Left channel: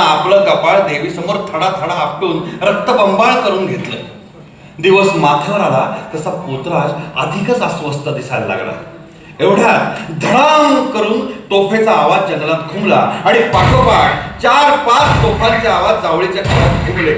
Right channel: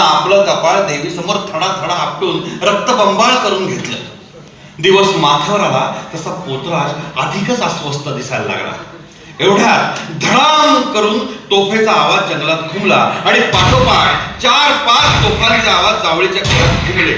आपलं कपाळ देवी समोर थडा थडा आपटून रक्तबंबाळ करून घेतलं. दिवस माथ्यावर आला तसा पोतराज अधिकच अस्वस्थ दिसायला लागला. एवढ्या धडाम करून तोफेचा आवाज जंगलात घुमला आणि पाठोपाठ चार पाच तोफांचे आवाज जावळीच्या घरात घुमले.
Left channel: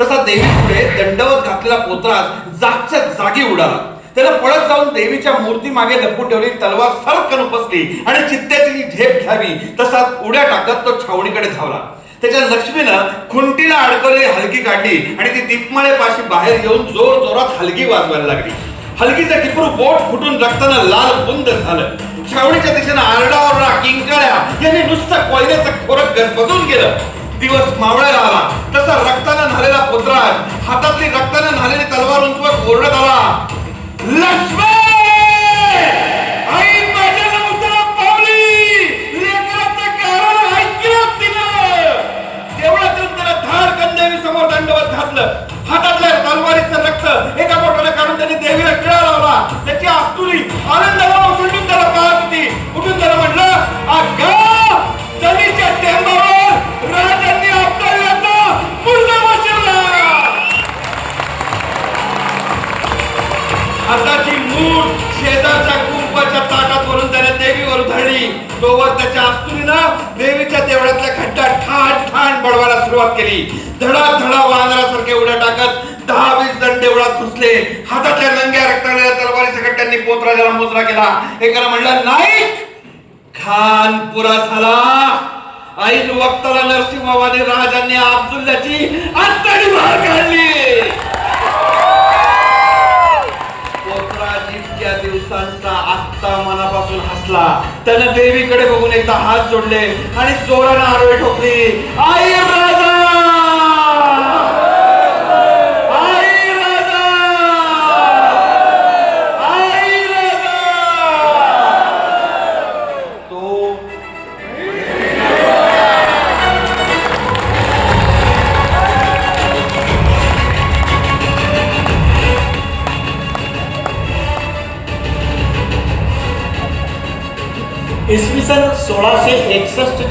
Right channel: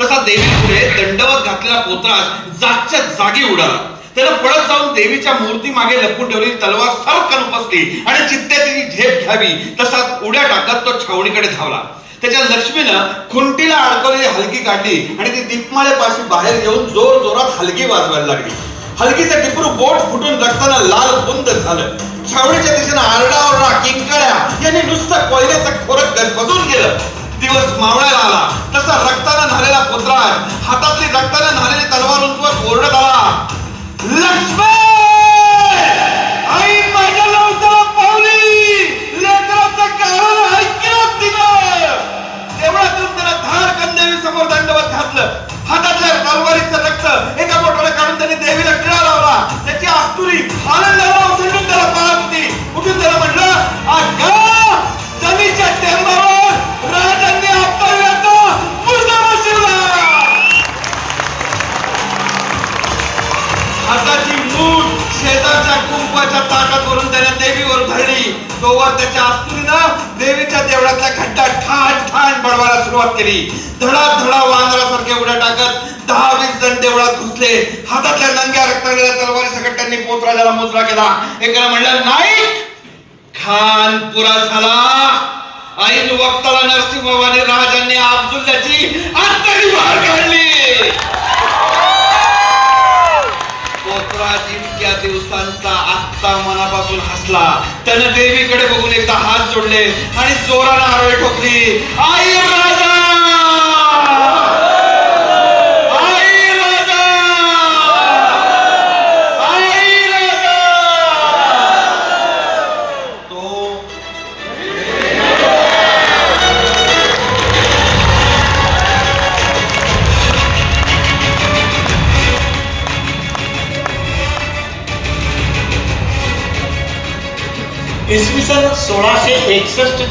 तसा देवी पुढे दंडवत घातलेला पोतराज जागच्या जागी उडाला. त्याला पळत जाऊन देवीच्या मूर्ती मागे लपून ठेवलेली तलवार सरकन उपसली आणि चित्त्याची झेप घ्यावी तसा उड्या टाकत तो छावणीकडे धावला. त्याच्या लक्ष्मीनं खुंटीला अडकलेली हलकी काढली आणि ती दीपमाळेपाशी बाहेर येऊन जोर जोरात हलगी वाजवायला लागली. हलगीचं टिपरू बोट फुटून रक्तानं लाल बुंद झालं. छावणीच्या दिशेनं आरडाओरडा किंकाळ्या यांनी नुसतं कोयल्याचं खोरक गजबजून गेलं दिवस मावळायला आला. तसा रक्तानं न्हालेला पुत्राज हातातली रक्तानं न्हालेली तलवार उंचवर ओरडत आला. लक्ष्मण धार कंदेवी समोर दंडवत घातलं. हातातल्या तलवारीचं रक्त एका बोटाला काढून त्यांनी देवीला टिळा लावला. त्याची आस्तुरी आनंदाला ओसंडून त्याला पाळत होती. उठून त्याला म्हणलं अगं जनीच्या टेंबावर राजांनी आपल्याला पूर्ण बसवला. हाताची मूठ शेजारच्या कुंपाच्या ताटात वरून त्याने देवीवर धरली. तोवर त्याच्या आस्तुरीनं देवीच्या देवळातल्या खड्ड्यात ठाण ठाण बडवायला सुरुवात केली. धडा धडा वानरासारखे उड्या टाकत दहा वीस जण देवळात घुसले. हातातल्या नंग्या रक्ताळलेल्या तलवारी सकट त्यांनी पोतराजाला मुजरा केला एकाला म्हणला नाही खान पुरा झाला. आई वक्ताला नरसिंह बाबाने राजांनी अब्दुल्ल्याची आत्ताही बाहेर काढली इतक्या दिवसांचा आत्ता मनापासून हसला. त्याने देवीकडे बघून एकदा हात जोडले आणि जोरानं आरोळी ठोकली. आई!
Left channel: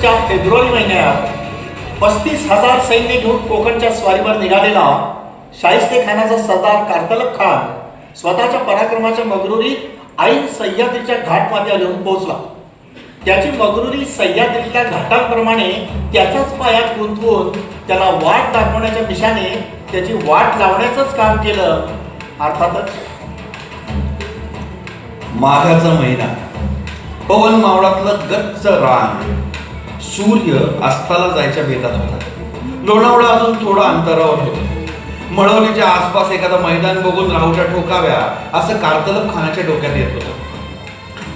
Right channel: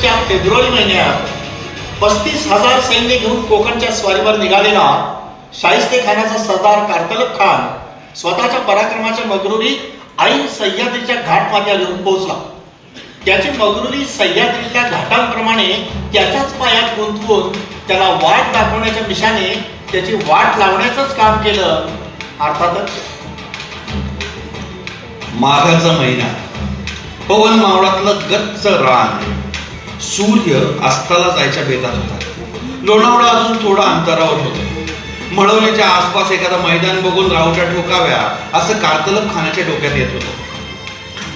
एकसष्टच्या फेब्रुवारी महिन्यात पस्तीस हजार सैन्य घेऊन कोकणच्या स्वारीवर निघालेला शाहिस्ते खानाचा सरदार कार्तलब खान स्वतःच्या पराक्रमाच्या मगरुरी आई सह्याद्रीच्या घाट माथ्यावर येऊन पोहोचला. त्याची मगरुरी सह्याद्रीच्या घाटांप्रमाणे त्याच्याच पायात गुंतवून त्याला वाट दाखवण्याच्या मिशाने त्याची वाट लावण्याचंच काम केलं. अर्थातच माघाचा महिना. पवन मावळातलं गच्च रान. सूर्य अस्ताला जायच्या भेदात होता. लोणावळा अजून थोडं अंतरावर होतं. मळवलीच्या आसपास एखादं मैदान बघून राहूच्या ठोकाव्या असं कार्तलब खानाच्या डोक्यात येत होतं.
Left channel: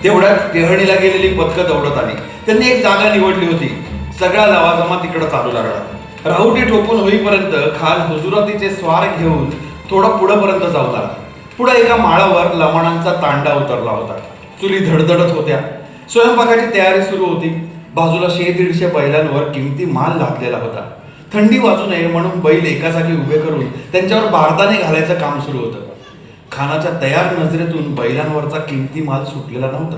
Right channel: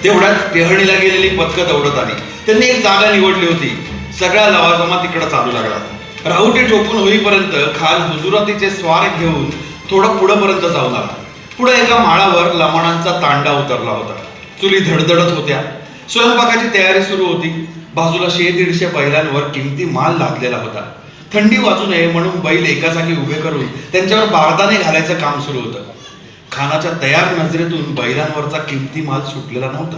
तेवढ्यात टेहळीला गेलेली पथकं दौडत आली. त्यांनी एक जागा निवडली होती. सगळ्या लवाजमा तिकडं चालू लागला. राहुटी ठोकून होईपर्यंत खान हुजुरातीचे स्वार घेऊन थोडं पुढंपर्यंत जाऊ लागला. पुढे एका माळावर लमणांचा तांडा उतरला होता. चुली धडधडत होत्या. स्वयंपाकाची तयारी सुरू होती. बाजूला शे दीडशे बैलांवर किमती माल लादलेला होता. थंडी वाजू नये म्हणून बैल एका जागी उभे करून त्यांच्यावर बारदाने घालायचं काम सुरू होतं. खानाच्या तयार नजरेतून बैलांवरचा किमती माल सुटलेला नव्हता.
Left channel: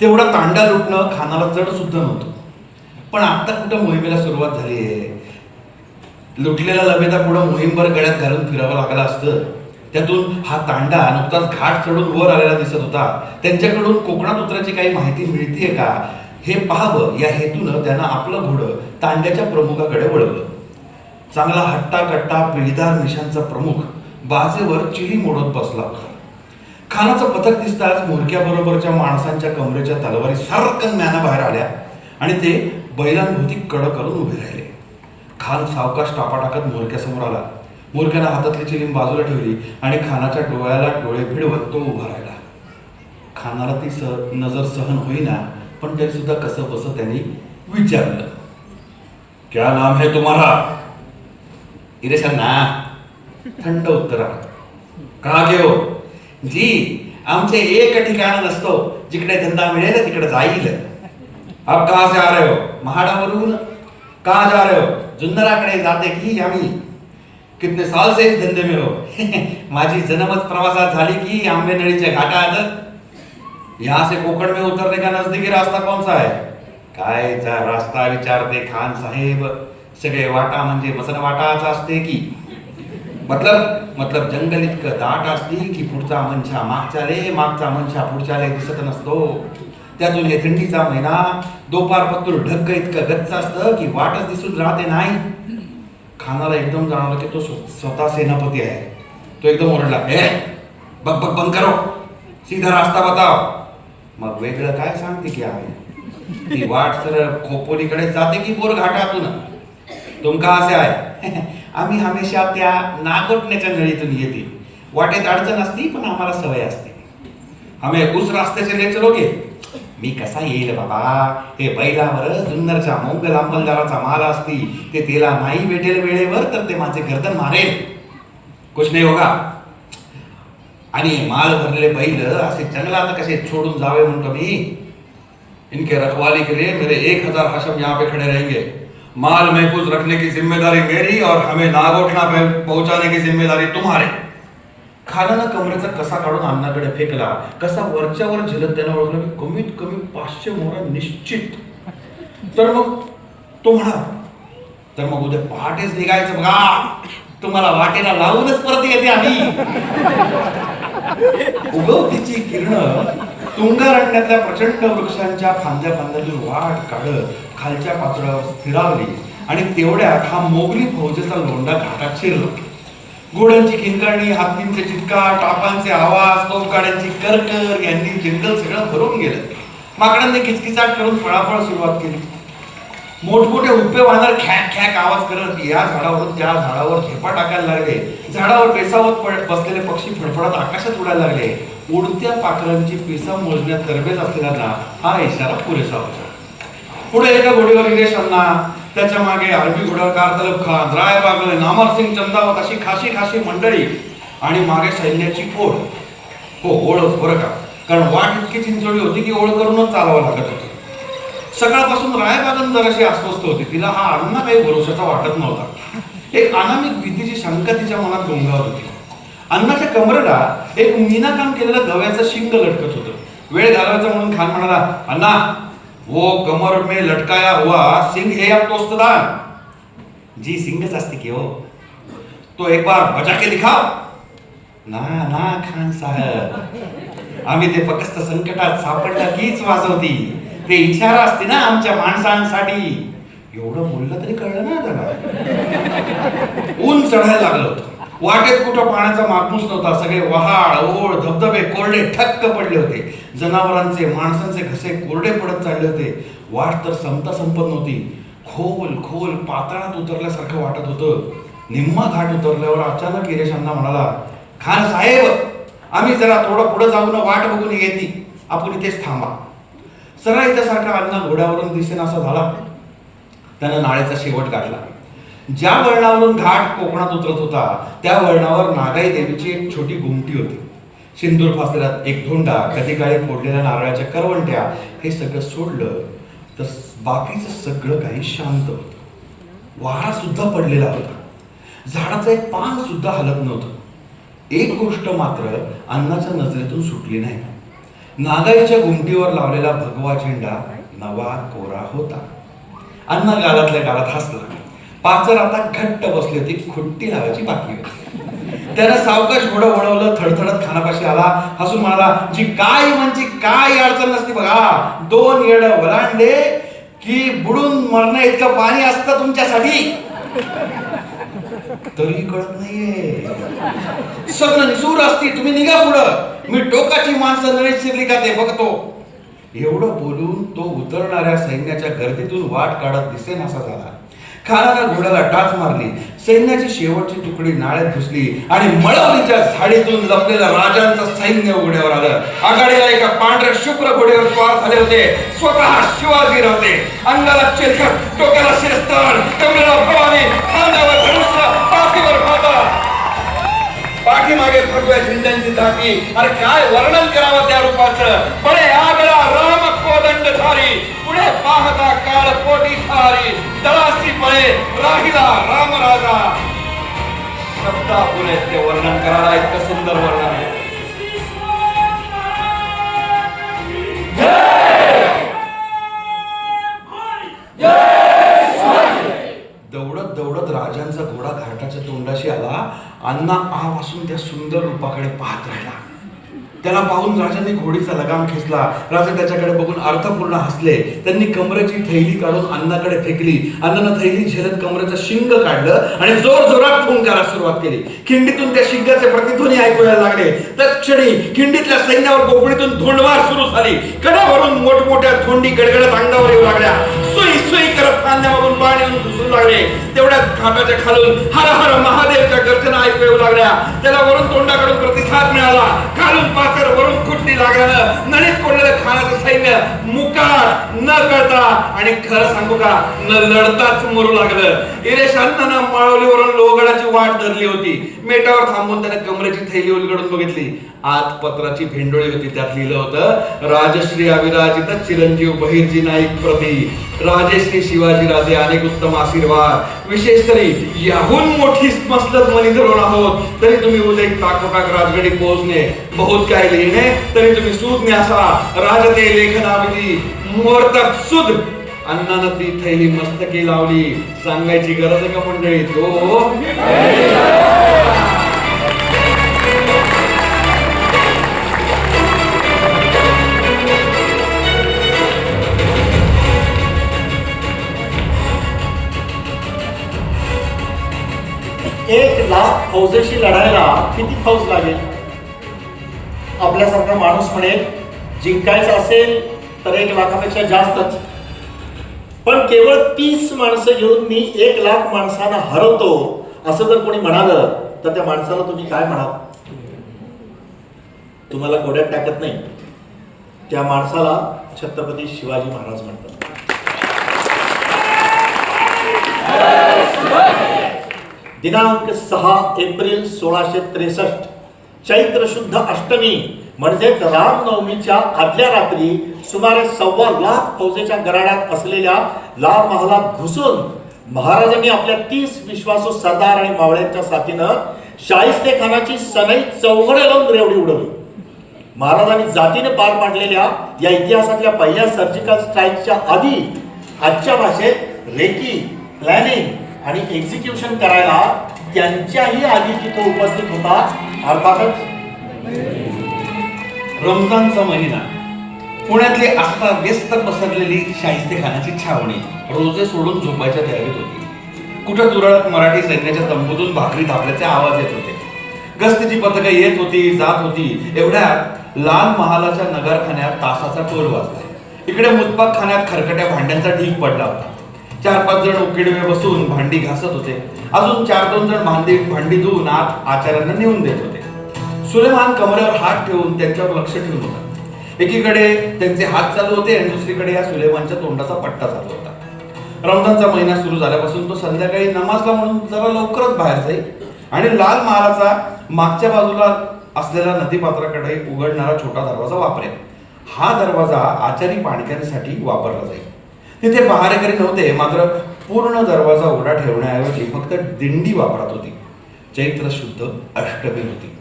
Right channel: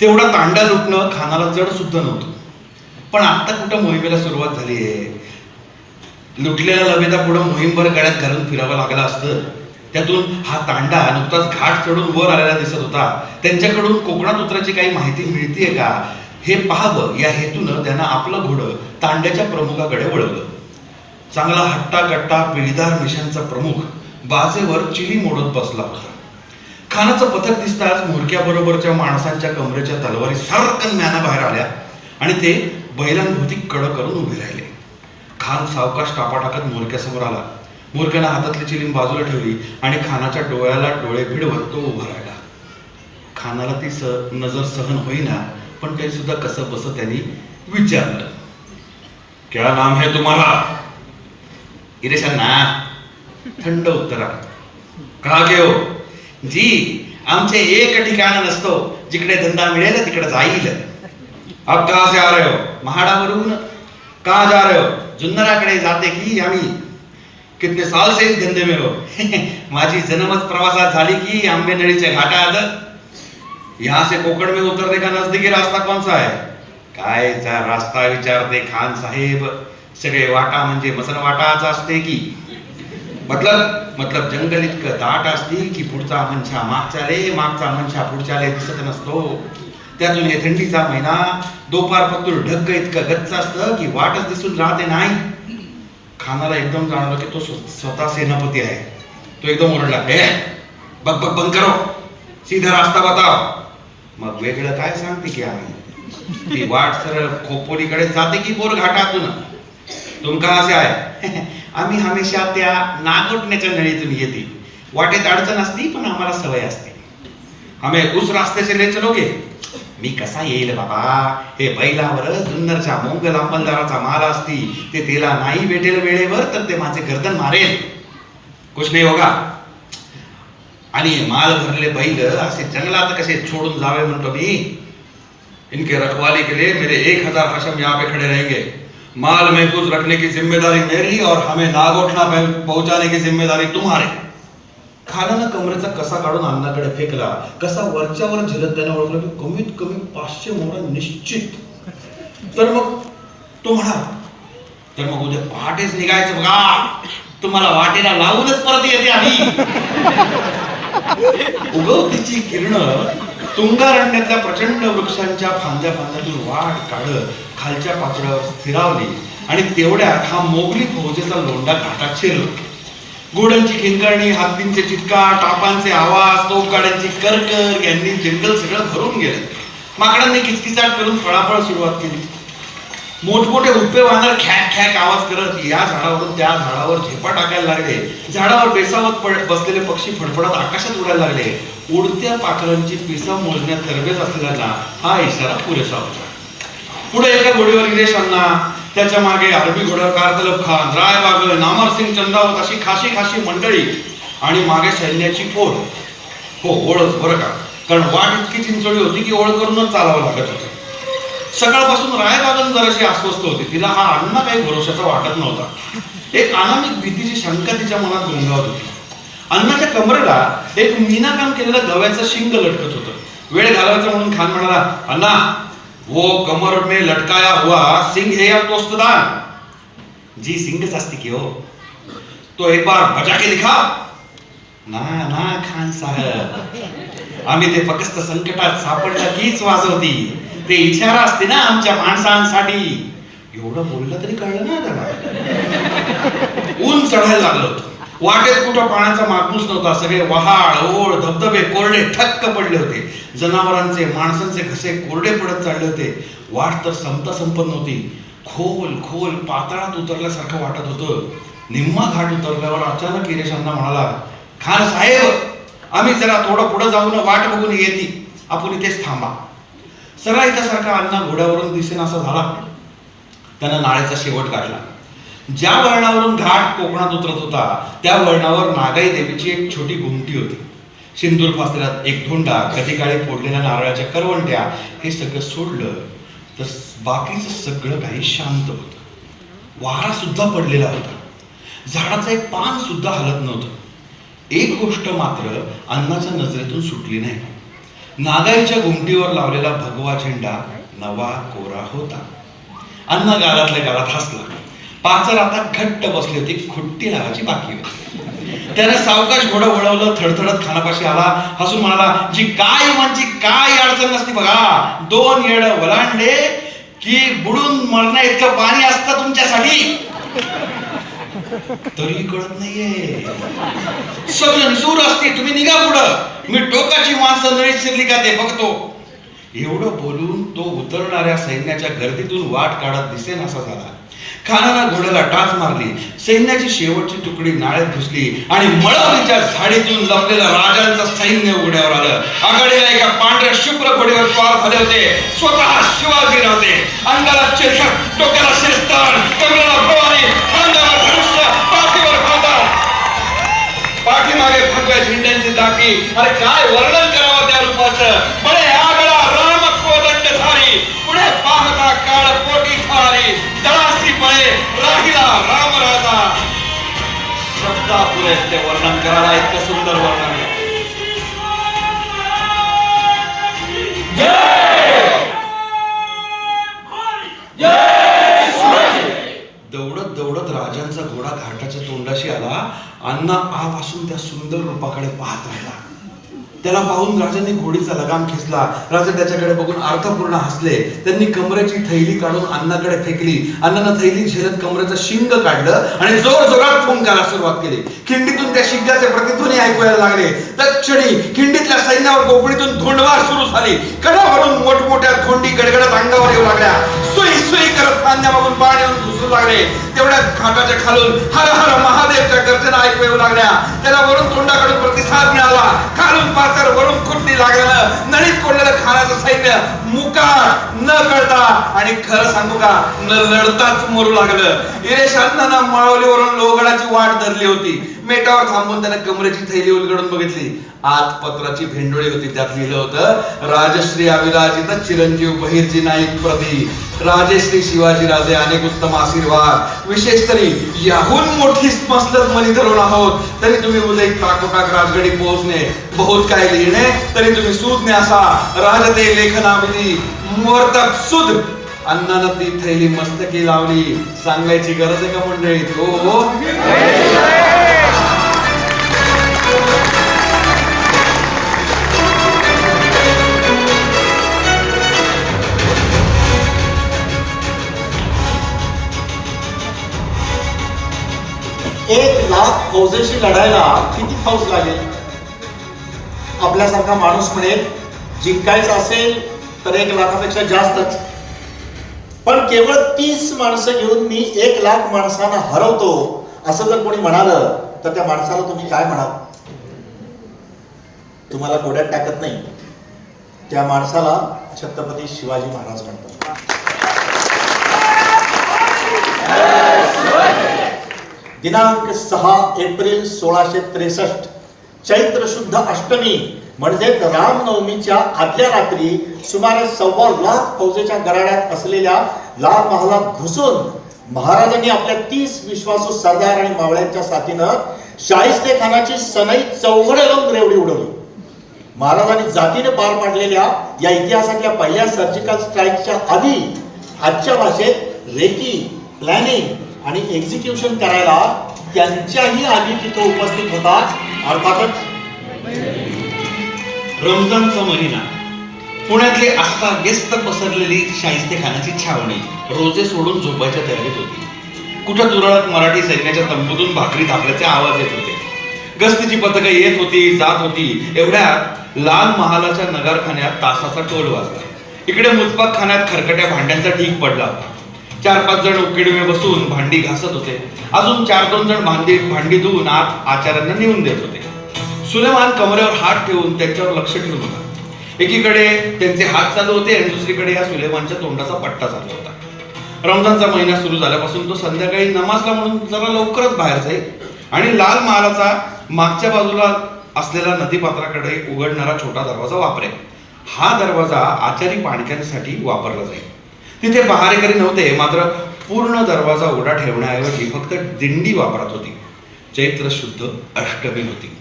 तेवढा तांडा लुटणं खानाला जड सुद्धा नव्हतं. पण आता कुठं मोहिमेला सुरुवात झाली आहे? लुटलेला लबेदा पुढं मोहीमभर गळ्यात घालून फिरावं लागलं असतं. त्यातून हा तांडा नुकताच घाट चढून वर आलेला दिसत होता. त्यांच्याकडून कोकणात उतराची काही माहिती मिळतीये का? हे पाहावं या हेतूनं त्यानं आपलं घोडं तांड्याच्या प्रमुखाकडे वळवलं. चांगला हट्टा कट्टा पिढीदार मिशांचा प्रमुख बाजेवर चिली मोडत बसला होता. खानाचं पथक दिसताच मुडक्याबरोबरच्या माणसांच्या कमरेच्या तलवारी सारखं ज्ञानं बाहेर आल्या आणि ते बैलांभोवती कडं करून उभे राहिले. खान सावकाश टापा टाकत मोरक्यासमोर आला. मोरक्यानं हातातली चिलीम बाजूला ठेवली आणि खानाच्या डोळ्याला डोळे भिडवत तो उभा राहिला. खानाला ती स नजर सहन होईना पण तरी सुद्धा कसं बसं त्यांनी विचारलं. क्या नाम है तुम्हाला इरेशांना थंड उत्तर. का घेऊ हो? जी आमचे एक ठिकाण नसतो जिकडे धंदा मिळेल तिकडे जाईल. अब कहा से आ रहे हो? महाडावरून का जा रहे हो? जुन्नराकडे जाते की आम्ही? कितने साल से इस धंदे में हो? माझी जन्मच प्रवासात झाली की आंबेनळीच्या घाटात यहाँ से कोकण में उतरने का नजदीकी रास्ता कौन सा है? काय चा रास्ता विचारते खान साहेब. सगळे वाटा म्हणजे मसन वाटाचा असते की. मतलब मतलब जंगल इतकं दाट असते की पुढचा मनशा मागचा रे मागचा मनशा पुढच्या रे दिसत नसतो. त्यातून हे थंडीचा महिना दोपार पत्तूर ढग्ग इतकं गच्च असतं की वाटच दिसून राहते नाही. खानाला एकदम जाणवलं की तो स्वतः सेनापती आहे. तो एकदम ओरडला ए बघ बघ बंद करो. सीधा रास्ता बताव मग वेगळं काय सांगते की आम्ही ती वाट सरळ खोपोलीकडे जाते की बोर घाटातून तुमका असे आहे? आम्ही हमेशा त्या नागोटण्याच्या नळीतून येते. वाटेत अडचण असती पण आम्हाला सवय असते. आम्ही उस रस्त्याचे से ले चलोगे मी कसा येईल बाबा? हे बैलावर जुन्नरच्या मोंगल अंमलदाराचा माल असती. ते तेला नाही भेटेल वेळेवर तर ते माझे गर्दन मारेल. कुछ नाही होगा? आणि माल भरले बैल असे जंगलात कसे छोडून जावे म्हणतो मी? इनके रखवाले के लिए मेरे एक हजार हशम यहाँ पे खड़े रहेंगे। माल महफूज रखने की जिम्मेदारी मेरी और हमें नागोठना पहुंचाने की जिम्मेदारी तुम्हारे। खानाला कमरेचा कसा काढून अन्नाकडे फेकला? कसा वरच्यावर झेलत त्याने ओळखलं की कमीत कमी पाचशे मोहरा निश्चित. तर मग तो म्हणा तर मग उद्या पहाटेच निघायचं बघा. तुम्हाला वाटेला लावूनच परत येते आम्ही. उगवतीची किरण तुंगारण्यातल्या प्रचंड वृक्षांच्या फांद्या फांद्यातून वाट काढत खालच्या पाचड्यावर स्थिरावली आणि तेवढ्यात हा मोगली फौजेचा लोंडा घाटात शिरला. घोड्यांची किंकरणी हत्तींचे चित्का टापांचे आवाज तोफगाड्यांची करकर यांनी जंगल सगळं भरून गेलं. माकडांनी किचकिचाट करून फळाफळ सुरुवात केली. मोठमोठे उपे वानर खॅक खॅक आवाज करत या झाडावरून त्या झाडावर झेपा टाकायला लागले. झाडावर बेसावत बसलेले पक्षी फडफडत आकाशात उडायला लागले. उडत्या पाखरांची पेसा मोजण्यात तरबेज असलेल्यांना हा इशारा पुरेसा होता. पुढे एका घोडीवर गिरेशांना त्याच्यामागे अरबी घोड्यावर कारतलब खान राय बागळ नामर सिंग चंद्रावत अशी खाशी खाशी मंडळी आणि मागे सैन्याची ओढ हो ओळख बरं का. कारण वाट इतकी चिंचोळी होती की ओळख करूनच चालावं लागत होतं. सकाळपासून रायबागन जराशी अस्वस्थ होती. तिला हा अण्णा काही भरोशाचा वाटत नव्हता. एक अनामिक भीतीची शंका तिच्या मनात गोंगावत होती. अण्णाच्या कमरेला एक मीनाकाम केलेलं गव्याचं शिंग लटकत होतं. वेळ घालवायचा म्हणून खान म्हणाला अण्णा वो कमर में लटकाया हुआ सिंग है या तोस्तदार? जी सिंगच असते की हो. तो एक बार बजा के दिखा ना ना खान साहेब. आम्ही ते फक्त संकटात सापडलं तीच वाजवती. ते इशारा असते ना आमच्या माणसांसाठी. एवढं बोललं तरी कळलं ना त्याला. ऊन चढायला लागलं होतं. वाटेत कुठं पाण्याचा मागमूस नव्हता. सगळे वहाळ ओढ धबधबे कोरडे ठक्क पडले होते. जनावरांचे माणसांचे घसे कोरडे पडत चालले होते. वाट तर संपता संपत नव्हती. खोल खोल पातळात उतरल्यासारखं वाटत होतं. निम्मा घाट उतरल्यावर अचानक गिरेशांना म्हणाला खान साहेब आम्ही जरा थोडं पुढं जाऊन वाट बघून येते. आपण इथेच थांबा. सरळ इथं सारखा अण्णा घोड्यावरून दिसेन असा झाला. त्यानं नाळ्याचा शेवट गाठला ज्या वळणावरून घाट कोकणात उतरत होता त्या वळणावर नागाई देवीची एक छोटी घुमटी होती. सिंदूर फासलेला एक धोंडा कधी काळी फोडलेल्या नारळाच्या करवंट्या हे सगळं सोडलं तर बाकीचं सगळं काही शांत होतं. वारा सुद्धा पडलेला होता. झाडाचं एक पान सुद्धा हलत नव्हतं. एक गोष्ट मात्र अन्नाच्या नजरेतून सुटली नाही. नागाईच्या घुमटीवर लावलेला भगवा झेंडा नवा कोरा होता. अन्न गालातल्या गालात हसला. पाचर आता घट्ट बसली होती खुट्टी लावायची बाकी होती. त्यानं सावकाश घोडं वळवलं थडथडत खानापाशी आला. हसून म्हणाला जी काय म्हणजे काय अडचण नसती बघा. दोन येड वलांडे की बुडून मरणं इतकं पाणी असतं तुमच्यासाठी. तरी कळत नाहीये. सगळं निसूर असते तुम्ही निघा पुढं. मी टोकाची माणसं नळी शिरली का ते बघतो. एवढं बोलून तो उतरणाऱ्या सैन्याच्या गर्दीतून वाट काढत दिसेन असा झाला. खानाला घोड्याला टाच मारली. सैन्याची शेवटची तुकडी नाळ्यात घुसली आणि मळवलीच्या झाडीतून लपलेलं राजांचं सैन्य उघड्यावर आलं. आघाडीला एका पांढऱ्या शुभ्र घोडीवर स्वार झाले होते. स्वतः शिवाजी होते अंगाला चिरखत डोक्याला शिरस्तान कमरेला झेंड्यांची अरे काय वर्णन करावं त्या रूपाचं बळे आगळा राम कोदंड कोदंडधारी पुढे पाहता काळ पोटी झाली दळासी पळे राहिला राम राजा शब्दा पुढे ते वर्णन करायला इतकं सुंदर वर्णन त्याच्या तोंडाशी आला. अण्णा आपासून त्या सुंदर रूपाकडे पाहत राहिला. त्याला पाहून राजाने घोडीचा लगाम खेचला. राजा त्याच्याकडे बघून अर्थपूर्ण हसले. त्यांनी कमरेची थैली काढून अण्णाकडे फेकली. अण्णानं थैली झेलत कमरेचं शिंग काढलं आणि जोर जोरात फुंकायला सुरुवात केली. खिंडीतून त्या शिंगाचे प्रतिध्वनी ऐकू लागले. तत्क्षणी खिंडीतल्या सैन्यावर गोफडीतून धोंडवार सुरू झाली. कडावरून मोठमोठ्या धोंडी गडगडत अंगावर येऊ लागल्या. सुई सुई करत खांद्यामधून पाणी लागले तेवढ्यात घाटाच्या खालून हर हर महादेवच्या गर्जना ऐकू येऊ लागल्या. त्याला वरून तोंडाकडून प्रतिसाद मिळाला. खालून पाचर वरून कुठली लागलं? नळीत कोणलेलं खाण्याचं सैन्य मुका न कळता आणि खरं सांगू का न लढताच मरू लागलं. इरेशांतांना मळवलीवरून लोगडाची वाट धरली होती. मेटावर थांबून त्याने कमरेची थैली उलगडून बघितली. आत पत्राची भेंडोळी होती त्यात लिहिलं होतं राजश्री अविराजित चिरंजीव बहिर्जी नाईक प्रती राजश्री शिवाजी राजे अनेक उत्तम आशीर्वाद. विशेष तरी याहून मोठी मसलत मनी धरून आहोत तरी तुम्ही उदय टाकोटाक राजगडी पोहोचणे बहुत काय लिहिणे तरी तुम्ही सूद असा राजते लेखनाविधी मुहूर्तक सुद अन्नानं ती थैली मस्तकी लावली. सांगायची गरज आहे का मंडळी? तो फौजेशी लढायला किती फौज लागेल? आपल्यासारखा माणूस म्हणेल जिंकायचं असेल तर एक लाखापेक्षा जास्तच. पण केवळ तीस माणसं घेऊन मी एक लाख माणसांना हरवतो असं जर कोणी म्हणालं तर त्या माणसाला तुम्ही काय म्हणाल? तुम्हाला गोड्यात टाकत नाही. त्या माणसाला छत्रपती शिवाजी महाराज म्हणतात. दिनांक सहा एप्रिल सोळाशे त्रेसष्ट. चैत्र शुद्ध अष्टमी म्हणजेच रामनवमीच्या आदल्या रात्री सुमारे सव्वा लाख फौजेच्या गराड्यात असलेल्या लाल महालात घुसून महाराजांनी आपल्या तीस विश्वासू सरदार आणि मावळ्यांच्या साथीनं शाहिस्ते खानाची सनई चौघडे लावून रेवडी उडवली. महाराजांनी जातीने पार पाडलेल्या या इतिहासातल्या पहिल्या सर्जिकल स्ट्राईकच्या आधी आजच्या भाषेत रेकी प्लॅनिंग आणि एक्झिक्युशन करायला त्यांच्याही आधी तिथं उपस्थित होता. अर्थातच रमजानचा महिना. पुण्यातली आस्था व्यस्त पसरलेली शाहिस्ते खानाची छावणी रोजे सोडून झोपायच्या तयारीत होती. कुठं तुरळक मराठी सैन्याच्या तंबूतून भाकरी थापल्याचे आवाज येत होते. गस्तीची पथकं येत होती जात होती. एवढ्यात लाल महालाच्या नगरखान्यात तासाचा टोल वाजला. इकडे मुतपाक खाण्यात खरकट्या भांड्यांचा ढीक पडला. होता चार पाच जण उकिडमे बसून भांडी घासत होते. अजून चार दोन जण भांडी भांडी धुवून आत आचार्यांना नेऊन देत होते. सुलेमान कमरेवर हात ठेवून त्यांच्यावर लक्ष ठेवून होता. एकीकडे त्यांचे हात चालू होते आणि दुसरीकडे या सुलेमानच्या तोंडाचा पट्टा चालू होता. रमजानचा महिना सुरू झाल्यापासून तो संध्याकाळी नमाजला म्हणून जरा लवकरच बाहेर जाईल आणि लाल महालाचा मागच्या बाजूला असलेला नदीपात्राकडे उघडणारा छोटा दरवाजा वापरेल. हा दरवाजा आचारी पाणक्यांसाठी वापरला जाईल. तिथे पहारेकरी नव्हते मात्र पूर्ण दरवाजा उघडा ठेवण्याऐवजी फक्त दिंडी वापरत होती. चैत्र शुद्ध अष्टमी होती.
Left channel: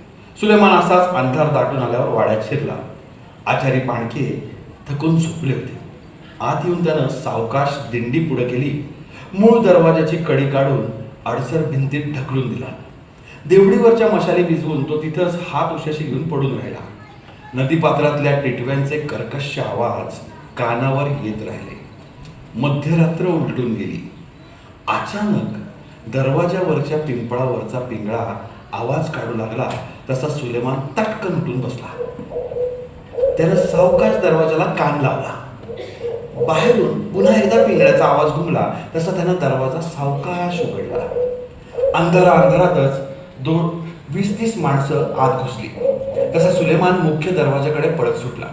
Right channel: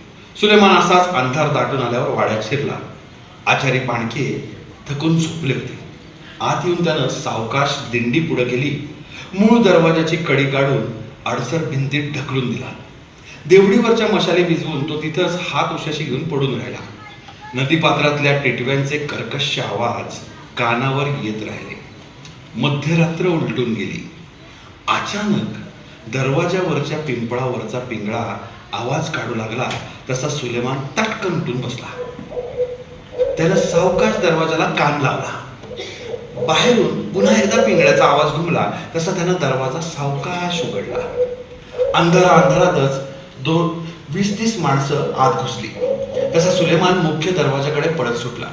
सुलेमान असाच अंधार दाटून आल्यावर वाड्यात शिरला. आचारी पाणके थकून झोपले होते. आत येऊन त्यानं सावकाश दिंडी पुढे केली. मूळ दरवाजाची कडी काढून अडसर भिंतीत ढकलून दिला. देवडीवरच्या मशाली भिजवून तो तिथंच हात उशाशी घेऊन पडून राहिला. नदीपात्रातल्या टिटव्यांचे कर्कश आवाज कानावर येत राहिले. मध्यरात्र उलटून गेली. अचानक दरवाजावरच्या पिंपळावरचा पिंगळा आवाज काढू लागला तसा सुलेमान टटकन उठून बसला. त्यानं सावकाश दरवाजाला कान लावला. बाहेरून पुन्हा एकदा पिंगळ्याचा आवाज घुमला तसा त्यानं दरवाजा सावकाश उघडला. अंधारा अंधारातच दोन वीस तीस माणसं आत घुसली. तसा सुलेमान मुख्य दरवाजाकडे पळत सुटला.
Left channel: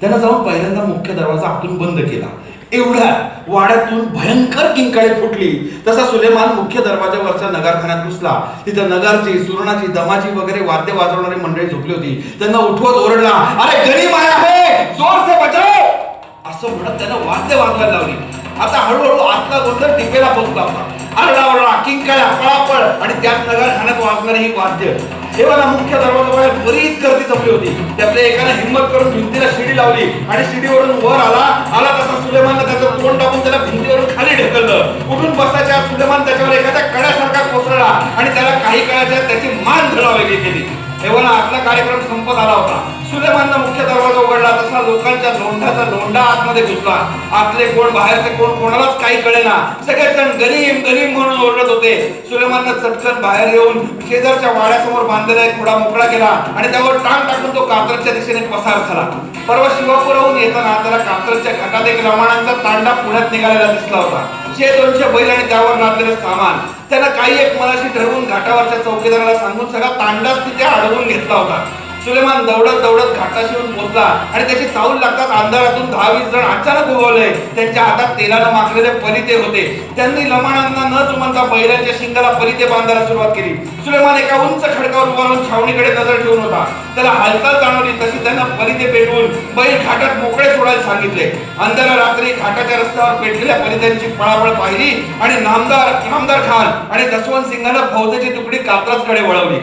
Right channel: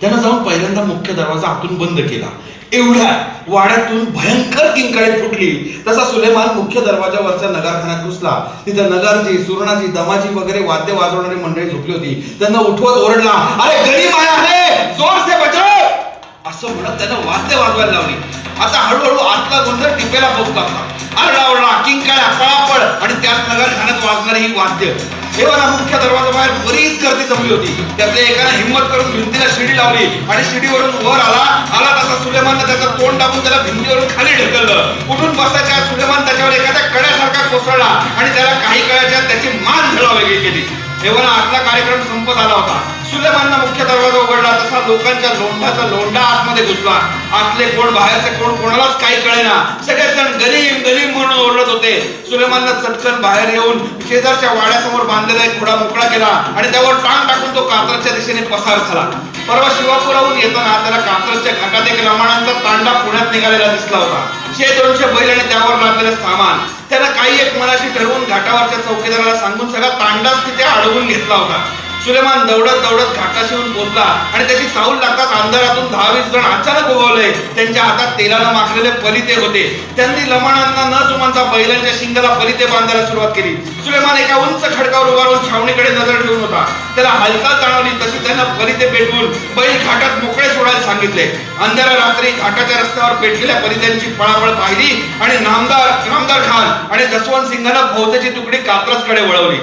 त्यानं जाऊन पहिल्यांदा मुख्य दरवाजा आतून बंद केला. एवढ्या वाड्यातून भयंकर किंकाळी फुटली. तसा सुलेमान मुख्य दरवाजावरच्या नगारखान्यात घुसला. तिथं नगारची सुरणाची दमाची वगैरे वाद्य वाजवणारी मंडळी झोपली होती. त्यांना उठवत ओरडला अरे गरीब आहे! जोर से बजाओ असं म्हणत त्यानं वाद्य वाजवायला लावली. आता हळूहळू आतला गोंधळ टिपेला पोहोचला होता आरडा किंकाळ्या पळापळ आणि त्याच नगारखान्यात वाजणारी ही वाद्य. हे बघा मुख्य दरवाजाबाहेर बरीच गर्दी जमली होती. त्यातल्या एकानं हिंमत करून भिंतीला शिडी लावली आणि शिडीवरून वर आला. आला तसा सुलेमान त्याचं तोंड टाकून त्याला भिंतीवरून खाली ढकललं. उठून बसायच्या सुलेमान त्याच्यावर एखाद्या कड्यासारखा कोसळला आणि त्याला काही काळाच्या त्याची मान झळा वेगळी केली. तेव्हा आतला कार्यक्रम संपत आला होता. सुलेमाननं मुख्य दरवाजा उघडला तसा लोकांच्या लोंढाचा लोंढा आतमध्ये घुसला. आतले कोण बाहेरचे कोण कोणालाच काही कळेना. सगळेजण गरीब गरीब म्हणून ओरडत होते. सुलेमाननं चटकन बाहेर येऊन शेजारच्या वाड्यासमोर बांधलेला एक खुडा मोकळा केला आणि त्यावर टांग टाकून तो कात्रच्या दिशेने पसार झाला. परवा शिवापुराहून येताना त्याला कात्रच्या घाटात एक रामाणांचा तांडा पुण्यात निघालेला दिसला होता. शे दोनशे बैल आणि त्यावर लादलेलं सामान त्यानं काही एक मनाशी ठरवून घाटावरच्या चौकीदाराला सांगून सगळा तांडाच तिथे अडवून घेतला होता. सुलेमान दौडत दौडत घाटाशी येऊन पोहोचला आणि त्याची चाऊल लागताच अंधारातून दहा वीस जण अचानक उगवले त्यांच्या हातात तेलानं माखलेले परिते होते. त्यांनी लमाणांना न जुमानता बैलांच्या शिंगाला परिते बांधायला सुरुवात केली. सुलेमान एका उंच खडकावर उभा राहून छावणीकडे नजर ठेवून होता. त्याला हालचाल जाणवली तशी त्यानं परिते पेटवून बैल घाटात मोकळे सोडायला सांगितले. अंधारा रात्री घाटाच्या रस्त्यावर पेटलेल्या परित्यांची पळापळ पाहिली आणि नामदार नामदार खान आणि जसवंत सिंगानं फौजेची तुकडी कात्रासकडे वळवली.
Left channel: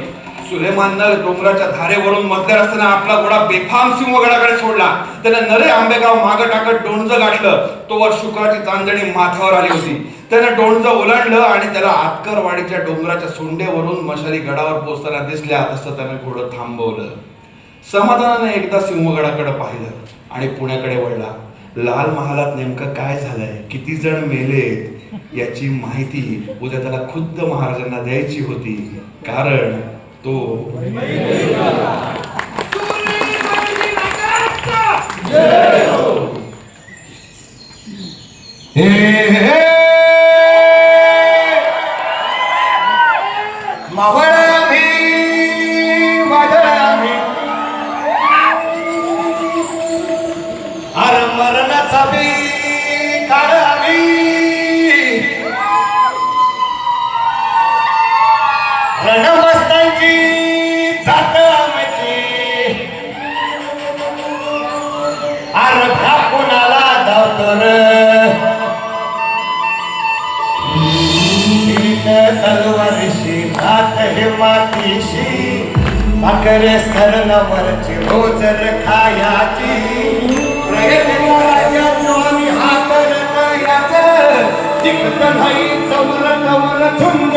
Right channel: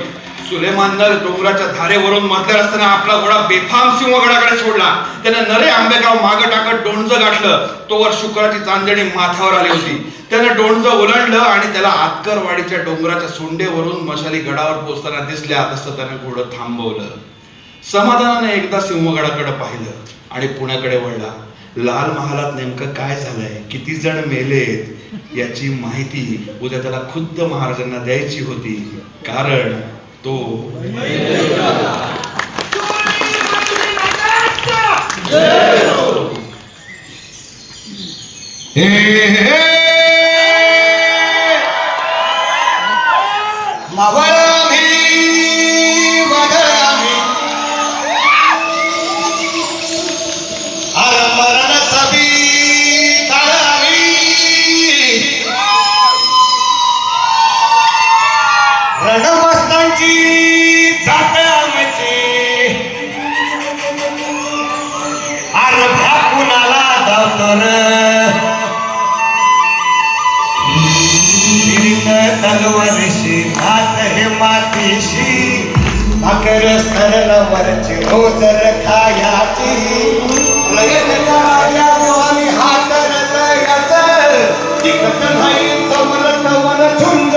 सुलेमाननं डोंगराच्या धारेवरून मधल्या रस्त्याने आपला घोडा बेफाम सिंहगडाकडे सोडला. त्याने नरे आंबेगाव मागं टाकत डोंज गाठलं. तोवर शुक्राची चांदणी माथ्यावर आली होती. त्यानं डोंज ओलांडलं आणि त्याला आतकरवाडीच्या डोंगराच्या सोंडेवरून मशाली गडावर पोचताना दिसल्या. तसं त्यानं घोडं थांबवलं. समाधानाने एकदा सिंहगडाकडे पाहिलं आणि पुण्याकडे वळला. लाल महालात नेमकं काय झालंय? किती जण मेलेत? याची माहिती उद्या त्याला खुद्द महाराजांना द्यायची होती. कारण तो हे हे मातीशी. भाकरे सरल वरची रोजर खायाची राजा आणि हात रयाच तिकट नाही चौर तवर झुंज